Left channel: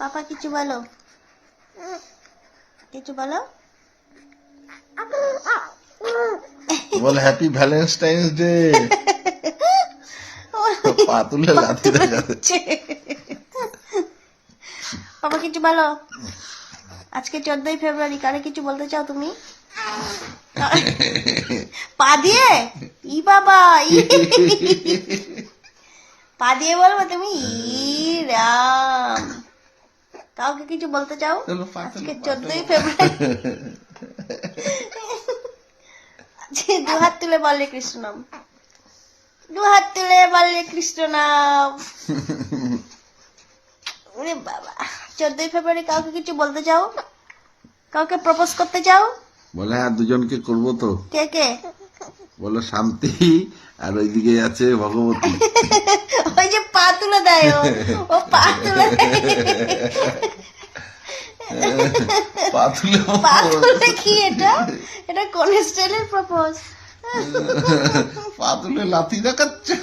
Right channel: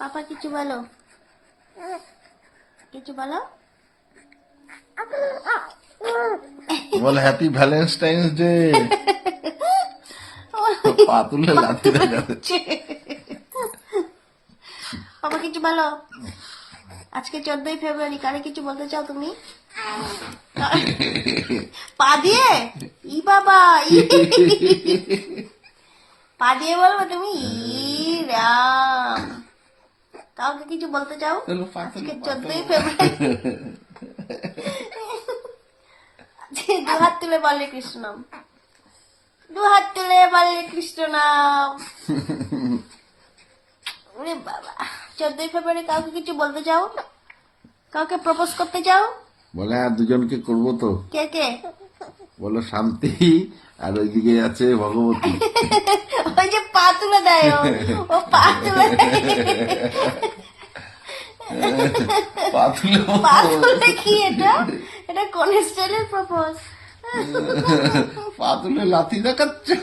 পাপা কিছু বলো, কিছু বলো। বল হ্যাপি ভ্যালেন্টাইন্স ডে। পা তুলে লাথি দেখাচ্ছে। পাপা কিছু বলো। আজকে 14ই ফেব্রুয়ারি, কারে কিছু বলতে চাও তুমি? পা দিয়ে? ই বাবা, পা দিয়ে বলবো তুমি? রাম, কাউকে কিছু বলতে চাও আজকে 14ই ফেব্রুয়ারি? আজকে দু হাত তুলে বলে কৃষ্ণ নাম, দু হাত তুলে বলে কৃষ্ণ নাম। ওরে বাবা, 14ই ফেব্রুয়ারি কাউকে কিছু বলতে চাও? কাউকে প্রপোজ করতে চাও? বলে আর দুজনকে করবো তো। কে কে? বলো শান্তি আর ওইদিকে আছে ভগবতী। ওই যে পা তুলে দেয়, ও পা তুলে পা তুলে পা তুলে কি এটা? এটা কোন স্টাইলের প্রপোজ? পা তুলে লাথি দেখাচ্ছে।